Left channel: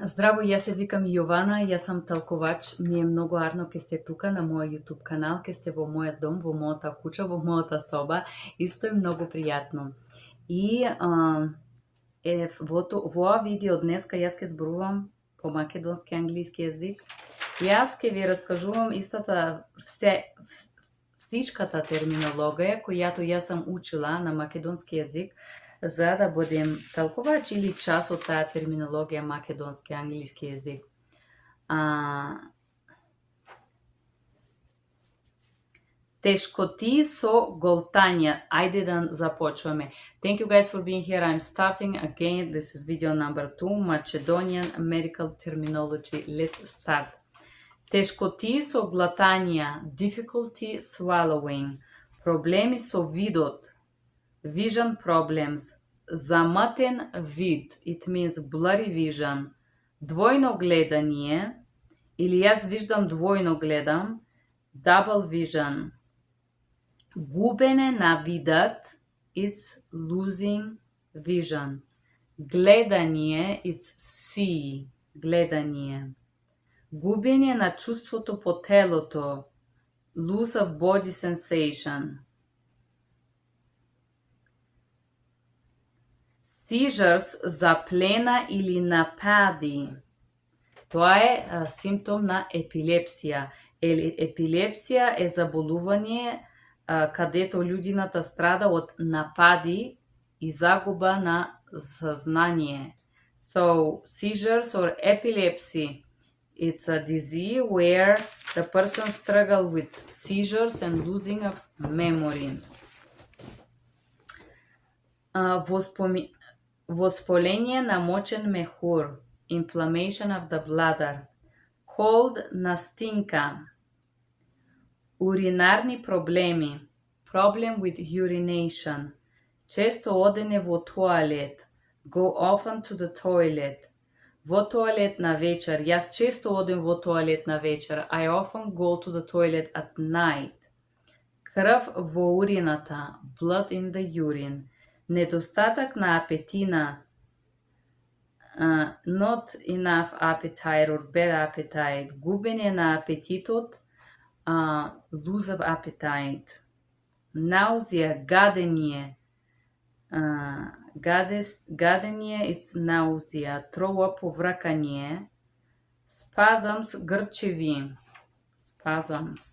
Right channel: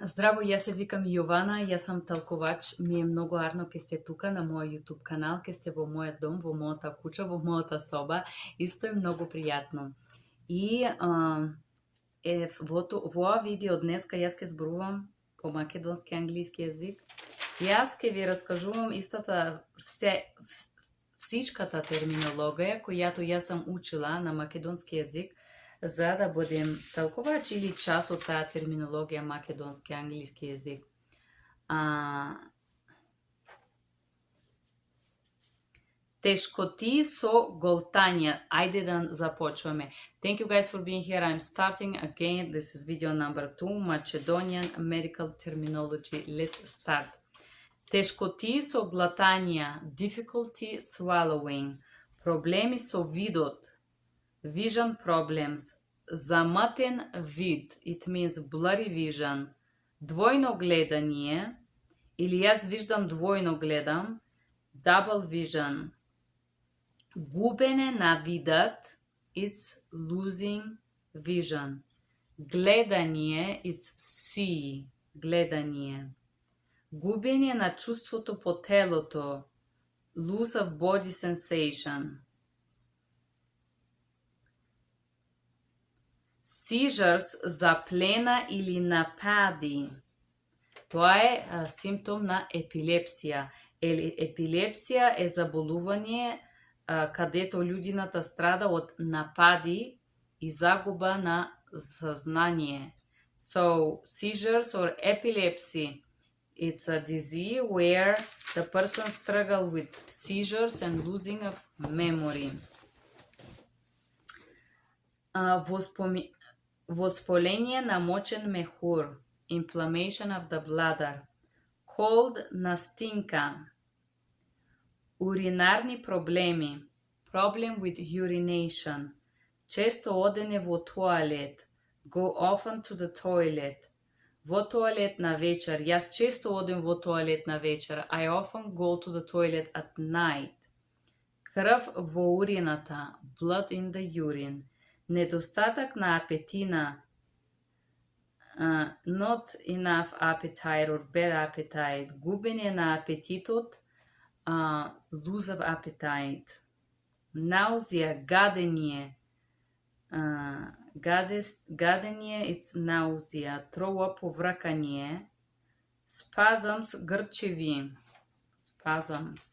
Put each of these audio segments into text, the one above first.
Здраво, јас се викам Јована, јас сум талкувач, ми е многу арно ке сте тука на мојот YouTube канал, ке сте во мојот дом, во мојата куќа, во мојата соба, исто е многу пријатно. И во ова видео днеска јас ке зборувам по македонски англиски јазик. Јас ке ви раскажувам всичката терминологија којато јас сам учила на македонски јазик, за да будем талкувач или час од таа терминологија македонски англиски јазик. Тешкоти со голтање. Ајде да започваме. Thank you guys for being here. I'm starting again. This is video number 2, Macedonian medical terminology. Let's start. Тешкоти со глатање, difficulty swallowing, проблеми со видот, vision problems, заматен вид, it means blurry vision, двојно гледање, или јас виждам двојно гледам, double vision, губене на видот, it's losing vision, гледање, it's see, гледање, губење на чувството по телото, loss of body sensation, seizures, заплена или напади. Тоа е симптом на епилепсија. Епилепсија е заболување кадето луѓината страда од напади и загуба на сознание. So, seizures or epilepsy, it's a disease where the person struggles with seizures and losing of memory. Воспаление на мочен мехур, inflammation of the bladder, cold настинка, уринарни проблеми, problem with urination, често одене во тоалет, go often to the toilet, во тоалет на вечер, јас често одем во тоалет на вечер, I often go to the toilet at night, крв во урината, blood in the urine, недостаток на апетина, not enough appetite or bad appetite, губење на апетитот, lose of appetite, наузија, гадење, гадење, it's nausea, throw up, повракање, spasms, грчеви, spasms.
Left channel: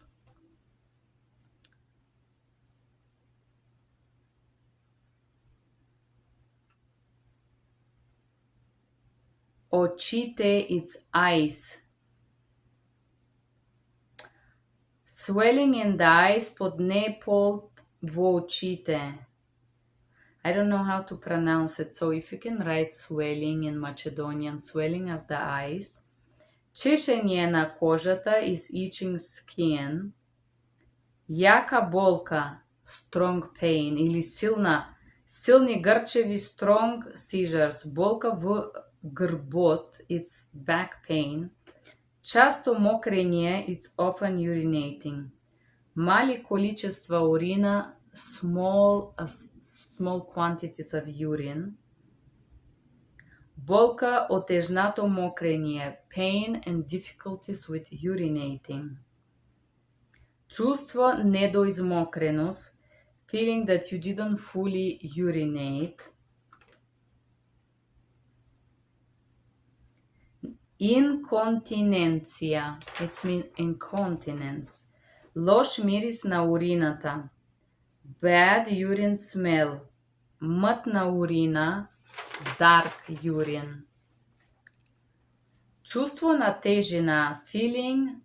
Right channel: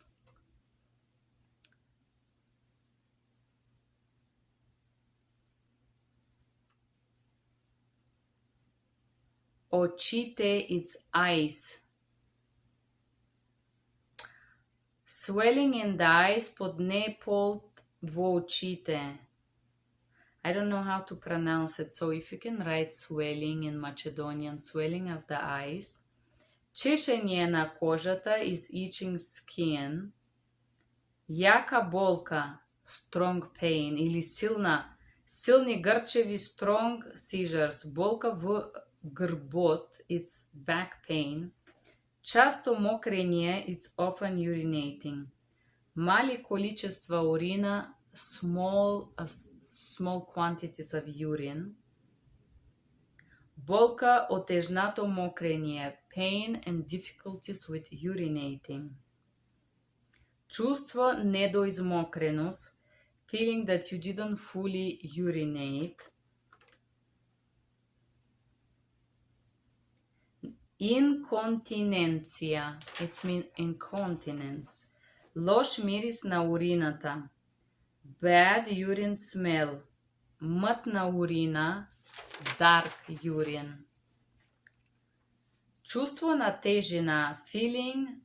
Очите, it's eyes. Swelling in the eyes, под непол во очите. I don't know how to pronounce it, so if you can write swelling in Macedonian, swelling of the eyes. Чешење на кожата is itching skin. Јака болка, strong pain, или силни грчеви, strong seizures, болка в грбот, it's back pain. Часто мокрење, it's often urinating. Мали количества урина, small quantities of urine. Болка, отежнато мокрење, pain and difficulties with urinating. Чувство недоизмокреност, feeling that you didn't fully urinate. Инконтиненција, it means incontinence. Лош мирис на урината, bad urine smell, мътна урина, dark urine. Чувство на тежина, feeling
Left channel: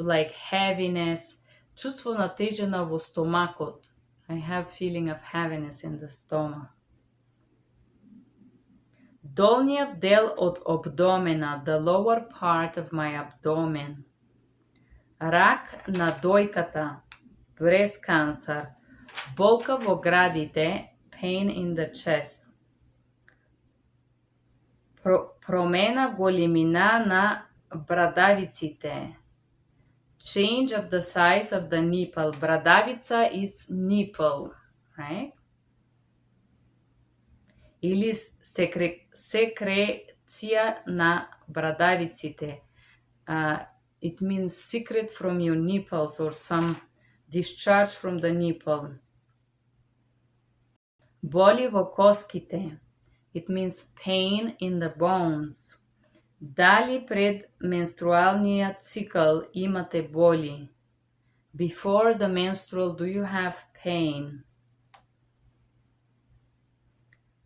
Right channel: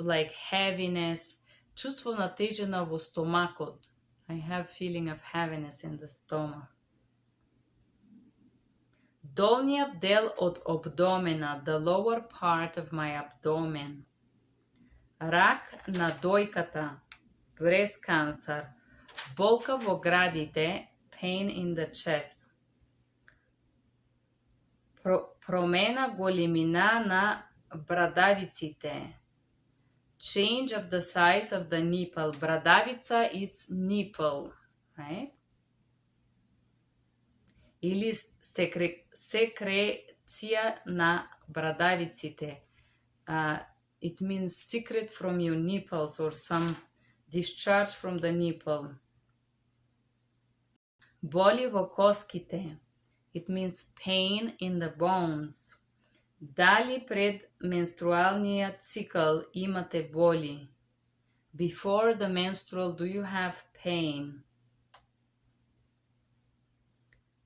like heaviness, чувство на тежина во стомакот. I have feeling of heaviness in the stomach. Долниот дел од абдомена, the lower part of my abdomen. Рак на дојката, breast cancer, болка во градите, pain in the chest. Промена големина на брадавиците, change of the size of the nipple. Брадавица, it's nipple, right? Или ерупција на брадавиците. It means secret from your nipples or some discharge from the nipple. Боли во коските. It means pain in the bones. Дали пред менструалниот цикл имате боли? Before the menstrual, do you have pain?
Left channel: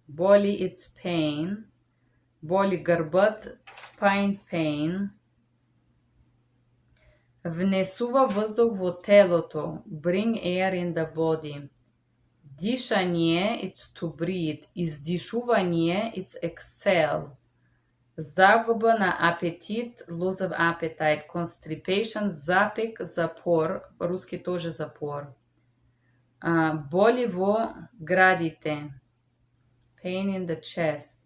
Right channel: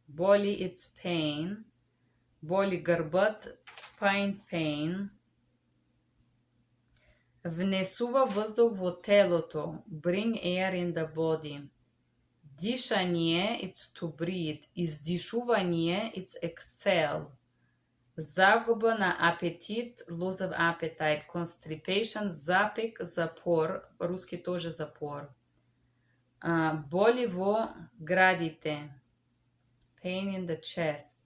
Боли, it's pain. Боли грбот, spine pain. Внесува воздух во телото. Bring air in the body. Дишање, it's to breathe. Издишување, it's exhale. Загуба на апетит, loss of appetite. Constipation, запек, запор. Руски тоже запор. Боли во градите. Pain in the chest.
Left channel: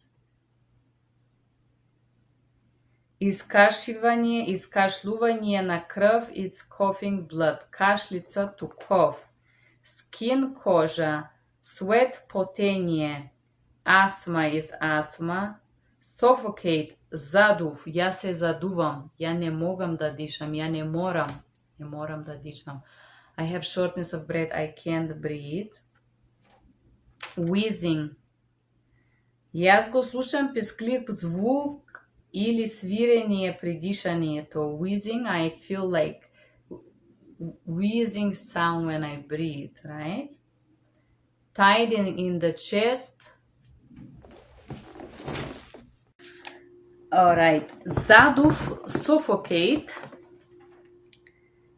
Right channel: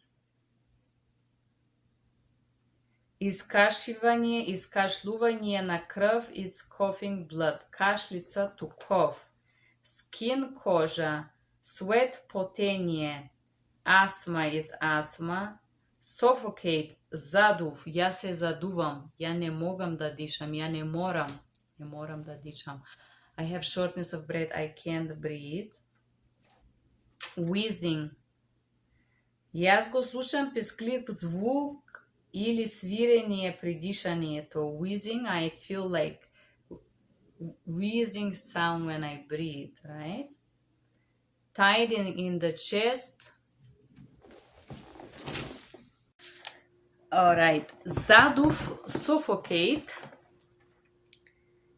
Искашивање, искашлување на крв, it's coughing blood. Кашлица, to cough. Skin, кожа. Sweat, потење. Asthma is asthma. Suffocate, задув. Јас се задувам. Ја не могам да дишам. Ја не морам да дишам. I have shortness of breath. I can't breathe. Wheezing. Јас го слушам писклив звук или свирење при дишањето. Wheezing, I feel like wheezing sound when I breathe, right? Tightening in the chest. Alright. Задув, suffocate.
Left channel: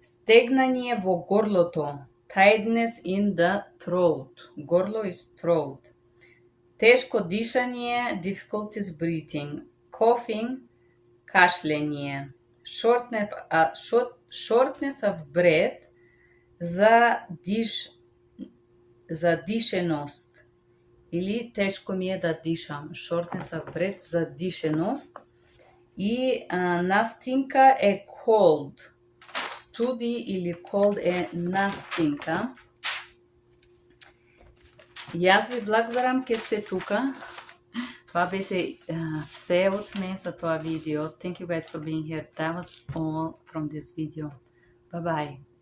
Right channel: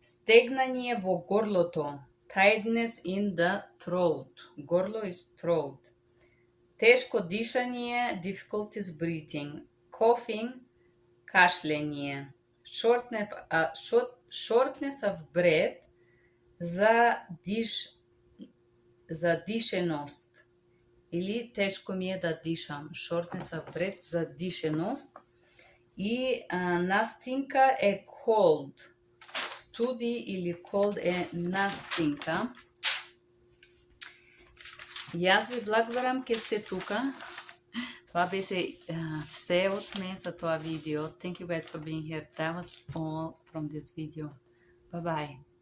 Стегнање во горлото. Tightness in the throat. Горло is throat. Тешко дишање, difficulties breathing. Coughing, кашлење. Shortness of breath, задишеност. Или тешко ми е да дишам. Shortness of breath, задишеност. И настинка е cold. Студи или cold е настинка. Јас ви благодарам ке сте тука. Това беше все от мен за това видео. Thank you guys for being here. That was all from this video. Bye bye.